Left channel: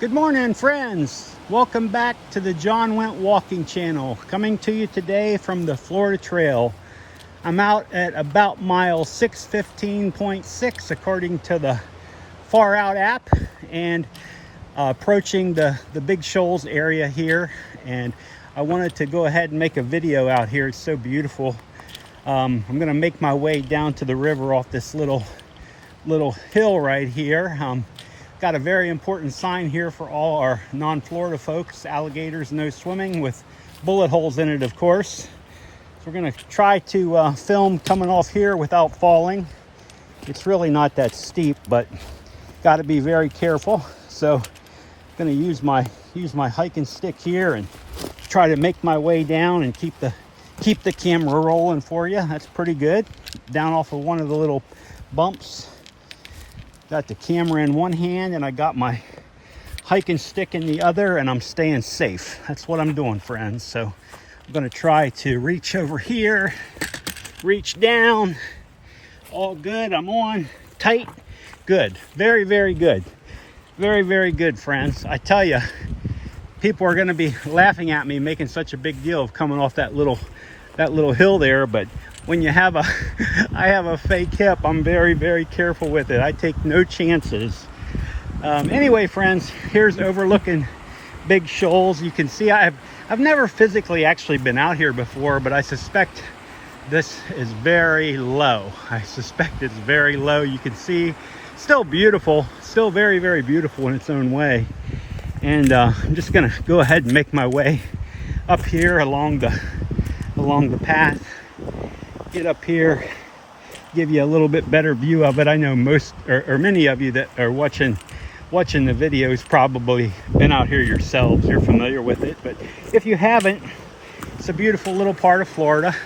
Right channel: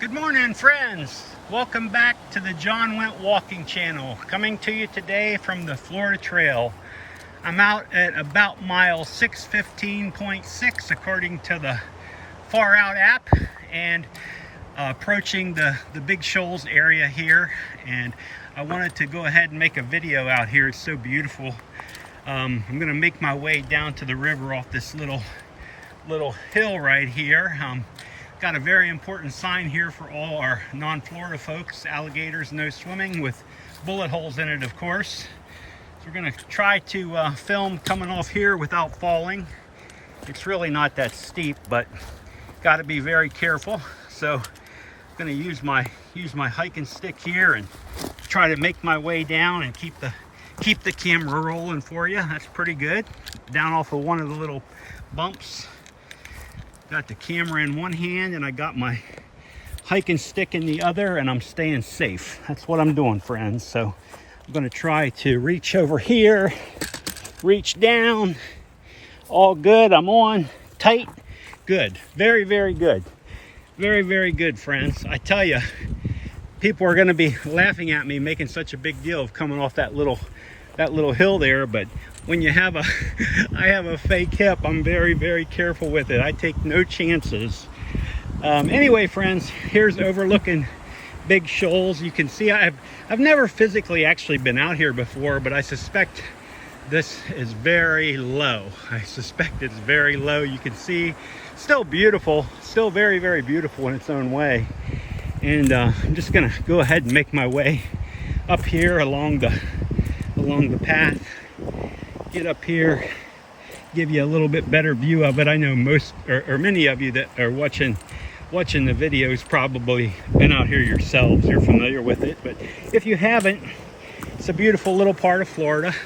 Good morning, friends. Welcome back to the John Went Walking channel. Coming to you today from the Florida Trail. I'm out at about mile 615.6 according to the Far Out app, and approaching the Big Shoals area here. And I wanted to go ahead and make a video out here. It's so beautiful. I'm gonna make my way down to the river off this little hill right here. Got a very important sign here for all our non-Florida folks: alligators no swimming, with bullet holes in it, of course. So we're gonna try to film coming off here without falling. It's really not that steep, but got to be very careful. So I'm gonna use my hiking stick here and try to make my way down and keep the camera rolling for you. That's pretty good. Down off of one of the little bumps. Got the camera in one hand and I got my hiking stick in the other, and I'm staying safe. That's what I'm doing, friends. So I'm gonna try to reach over here, reach down. All good. I'm on tight. Good. Very, very good. Very, very good, friends. I tell you, people are gonna be laughing at me making such a big deal of coming off that little hill there, but when you have I have a fake hip, I'm very, very careful with it. I take no chances. Anyway, friends, here's overlooking Big Shoals. You can see I've never physically actually been out here before, but I suspect this is very low. I suspect it's very low. You can see, still beautiful, still very, very beautiful in its own way. And I'm just gonna go ahead and make my way up here along the path. Get up here, give you a little bit better view of it. I know most or many of you that are watching the videos probably been out here yourselves. You're familiar with it, but if you haven't, it's a beautiful little part of Florida.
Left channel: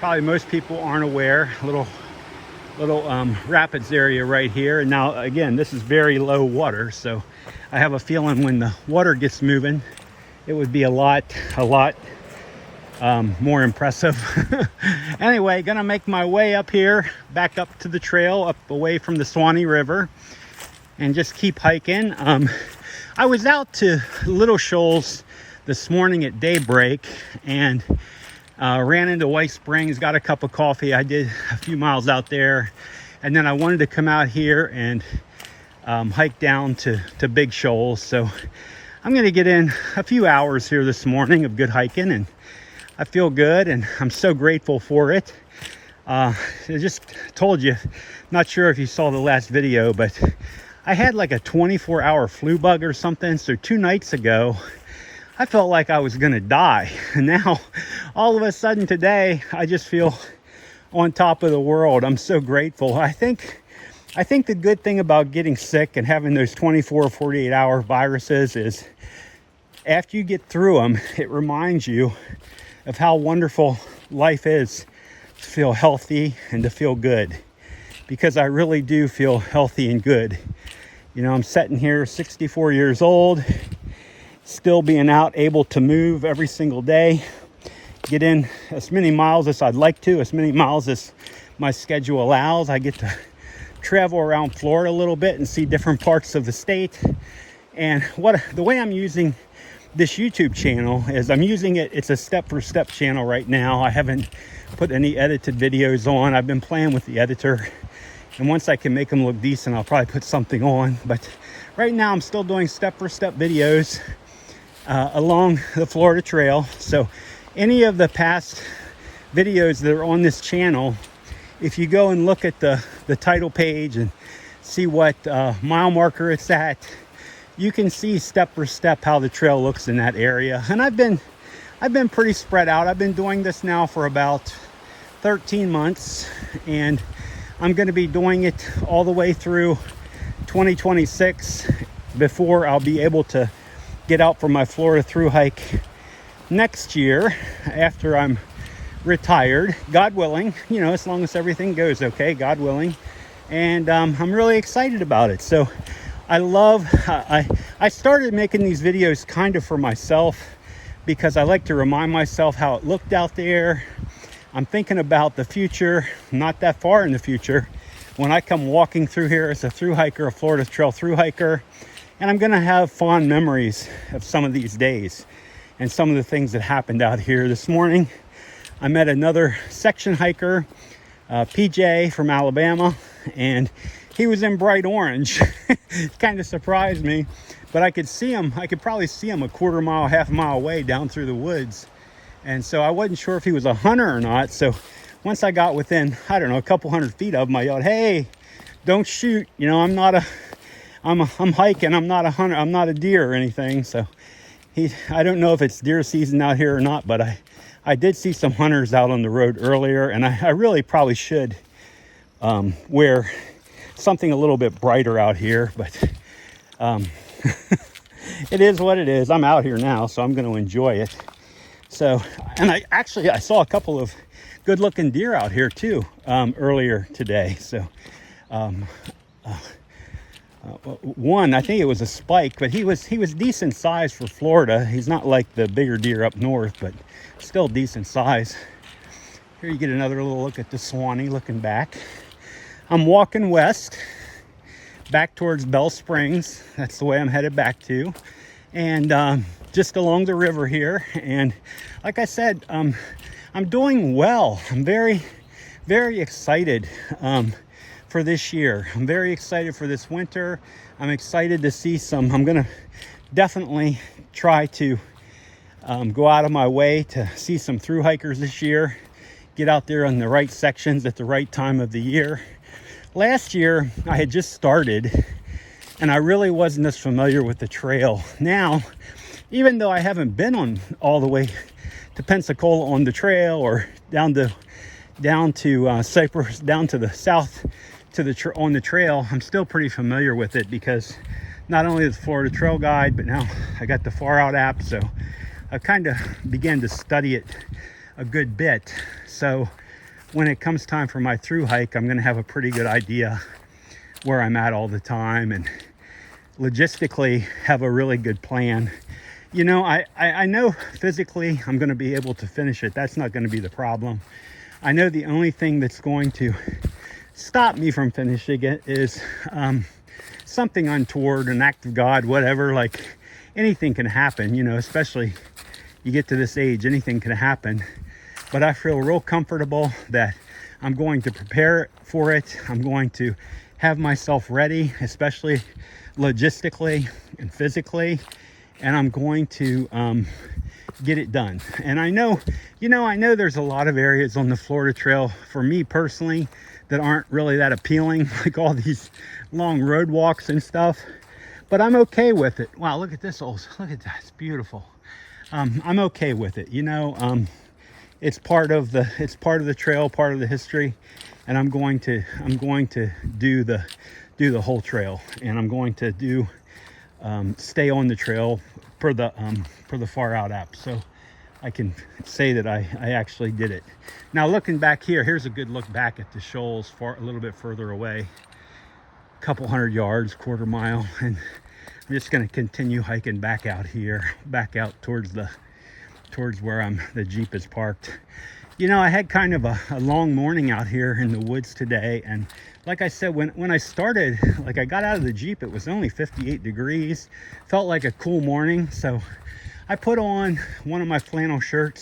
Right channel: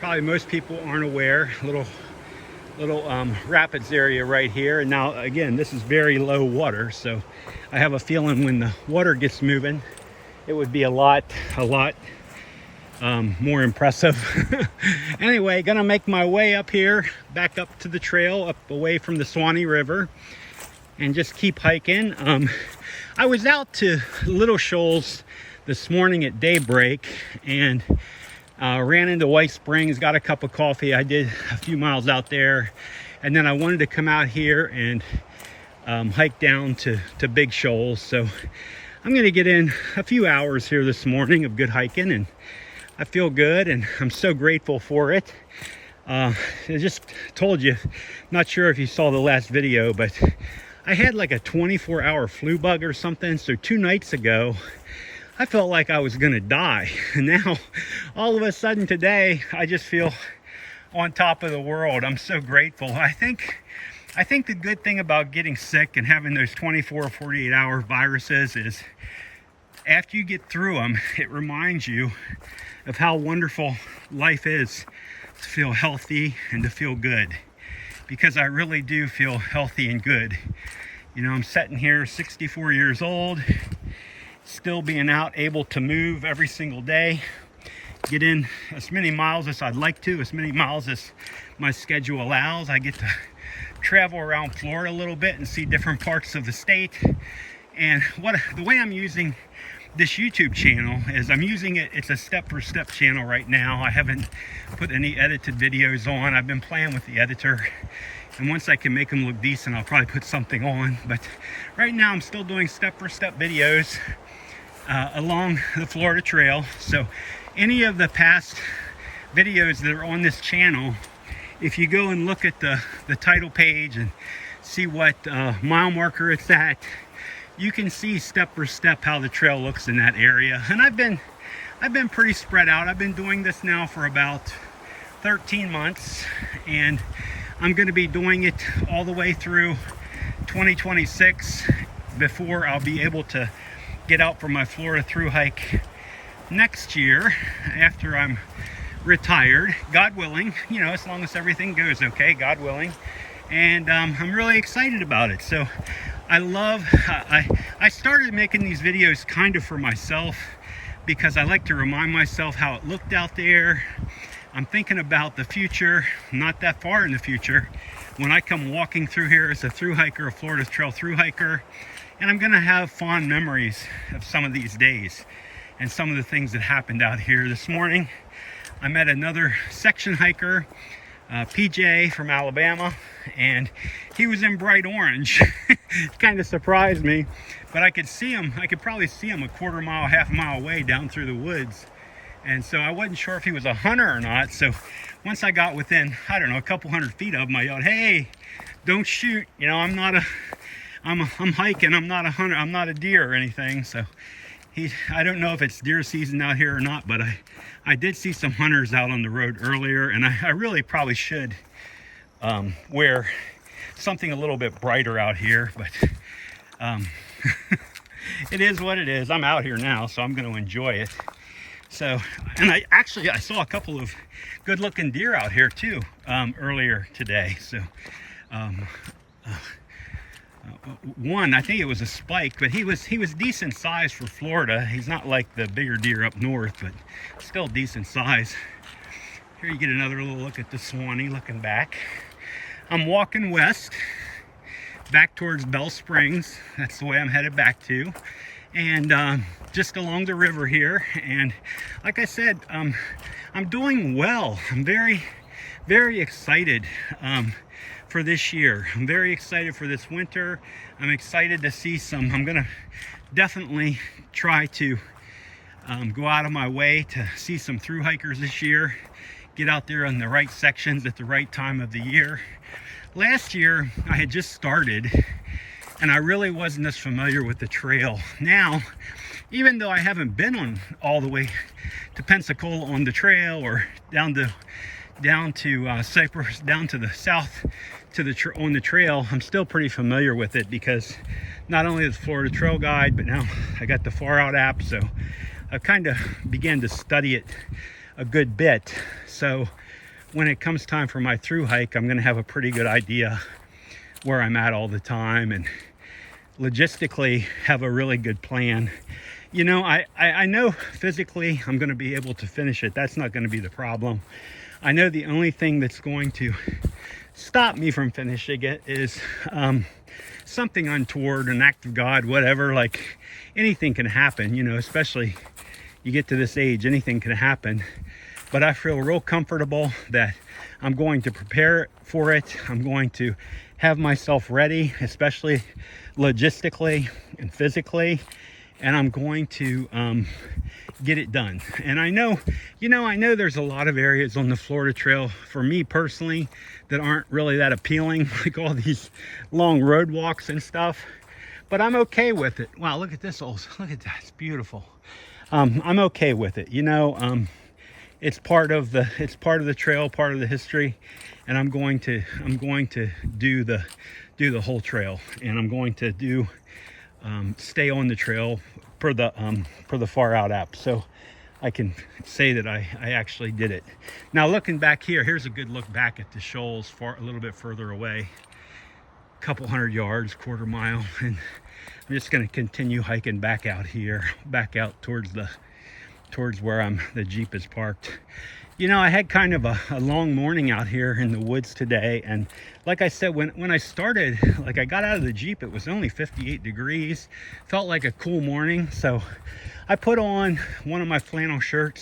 Probably most people aren't aware. Little rapids area right here. And now again, this is very low water, so I have a feeling when the water gets moving, it would be a lot more impressive. Anyway, gonna make my way up here, back up to the trail, up away from the Swanee River, and just keep hiking. I was out to Little Shoals this morning at daybreak and ran into White Springs, got a cup of coffee. I did a few miles out there, and then I wanted to come out here and hike down to Big Shoals. So I'm gonna get in a few hours here this morning of good hiking, and I feel good, and I'm so grateful for it. I just told you, not sure if you saw the last video, but I had like a 24-hour flu bug or something. So 2 nights ago, I felt like I was gonna die. And now, all of a sudden today, I just feel on top of the world. I'm so grateful. I think the good thing about getting sick and having those 24, 48-hour viruses is after you get through them, it reminds you of how wonderful life is to feel healthy and to feel good, because I really do feel healthy and good. You know, I'm sitting here 64 years old, still being out, able to move every single day, get in as many miles as I'd like to, as many miles as my schedule allows. I get to travel around Florida a little bit and see different parts of the state. And the way I'm using this YouTube channel is I'm using it, it's a step-for-step channel right now. I haven't put any edited videos on. I've been playing with the editor, and once I can make them look decent, I'll probably put something on. But right now I'm still doing step-for-step videos along the Florida Trail. So any of the past videos that are on this channel, if you go and look at the title page and see what mile marker it's at, you can see step for step how the trail looks in that area. And I've been pretty spread out. I've been doing this now for about 13 months, and I'm going to be doing it all the way through 2026 before I'll be able to get out for my Florida Thru-Hike next year after I'm retired, God willing, you know, as long as everything goes okay, God willing. And I'm really excited about it. So I started making these videos kind of for myself, because I like to remind myself how it looked out there. I'm thinking about the future, not that far in the future, when I come walking through here as a thru hiker, a Florida Trail thru hiker, And I'm gonna have fond memories of some of these days and some of the things that happened out here. This morning, I met another section hiker, PJ from Alabama, and he was in bright orange. Kind of surprised me, but I could see him. I could probably see him a quarter mile, half a mile away down through the woods. And so I wasn't sure if he was a hunter or not. So once I got within, I don't know, a couple hundred feet of him, I yelled, "Hey, don't shoot. You know, I'm hiking. I'm not a hunter. I'm not a deer or anything." So I don't know if it's deer season out here or not, but I did see some hunters out on the road earlier, and I really probably should wear something a little bit brighter out here, but it is what it is. I'm out here now, so I'm going to enjoy it. So, and I saw a couple of good looking deer out here too earlier today. So one, I think it was a spike, but he was decent size for Florida. He's not like the bigger deer up north, but still decent size. Here you get another little look at the Swanee looking back. I'm walking west, back towards Bell Springs. That's the way I'm headed back to. And just along the river here. And like I said, I'm doing well. I'm very, very excited for this year. I'm very excited for this winter. I'm excited to see I'm gonna definitely try to go out of my way to see some through hikers this year. Get out there on the right sections at the right time of the year. Last year, I had just started and I really wasn't as familiar with the trail. Now, even though I haven't been on all the way to Pensacola on the trail or down to Cypress, down to the south to on the trail, I'm still pretty familiar with it because not only is Florida Trail Guide, but now I got the Far Out app, so I've kind of began to study it a good bit. So when it comes time for my through hike, I'm going to have a pretty good idea where I'm at all the time and logistically have a really good plan. You know, I know physically I'm going to be able to finish it. That's not going to be the problem. I know the only thing that's going to stop me from finishing it is something untoward, an act of God, whatever. Like anything can happen, you know, especially you get to this age, anything can happen. But I feel real comfortable that I'm going to prepare for it. I'm going to have myself ready, especially logistically and physically, and I'm going to get it done. And I know, you know, I know there's a lot of areas on the Florida Trail for me personally that aren't really that appealing, like all these long road walks and stuff, but I'm okay with it. Wow, look at this look at that, it's beautiful. I'm okay with it, you know. It's part of the trail, part of the history, and I'm going to do the whole trail, and I'm going to stay on the trail for the Far Out app, so I can say that I actually did it. Now looking back here, here's a good look back at the Shoals, a little bit further away, a couple hundred yards, quarter mile, and I'm just going to continue hiking back out here, back out towards where the Jeep is parked. You know, I had kind of a long morning out here in the woods today, and like I said, when I started, like I got out of the Jeep, it was only 58 degrees. Felt like a cool morning, so I put on one of my flannel shirts,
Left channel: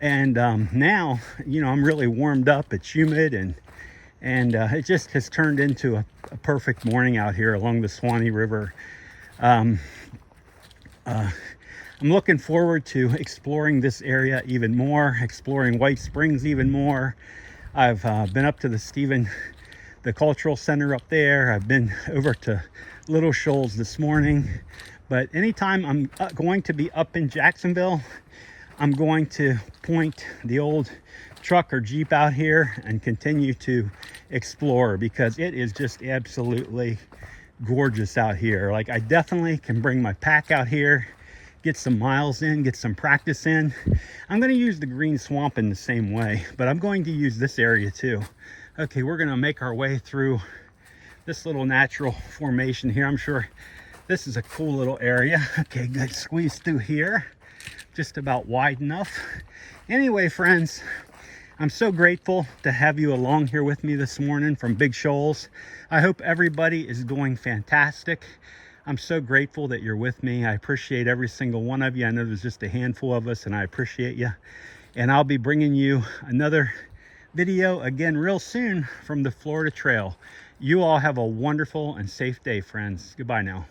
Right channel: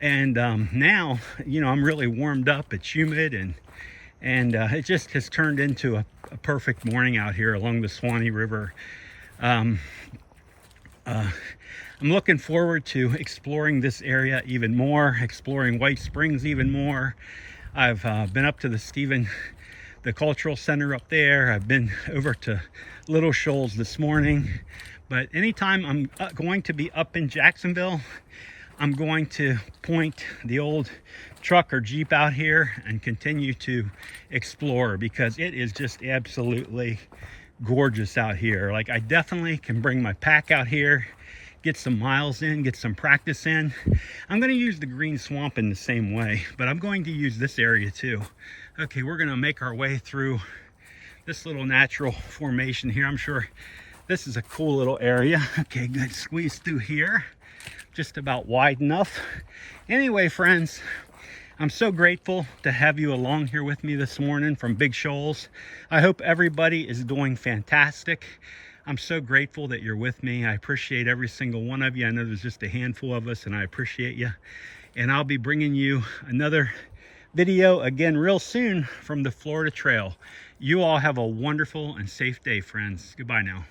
and now, you know, I'm really warmed up. It's humid, and it just has turned into a perfect morning out here along the Swanee River. I'm looking forward to exploring this area even more, exploring White Springs even more. I've been up to the Cultural Center up there. I've been over to Little Shoals this morning. But anytime I'm going to be up in Jacksonville, I'm going to point the old truck or Jeep out here and continue to explore, because it is just absolutely gorgeous out here. Like, I definitely can bring my pack out here, get some miles in, get some practice in. I'm going to use the green swamp in the same way, but I'm going to use this area too. Okay, we're going to make our way through this little natural formation here. I'm sure this is a cool little area. Okay, good. Squeeze through here. Just about wide enough. Anyway, friends, I'm so grateful to have you along here with me this morning from Big Shoals. I hope everybody is doing fantastic. I'm so grateful that you're with me. I appreciate every single one of you. I know there's just a handful of us, and I appreciate you. And I'll be bringing you another video again real soon from the Florida Trail. You all have a wonderful and safe day, friends. Goodbye now.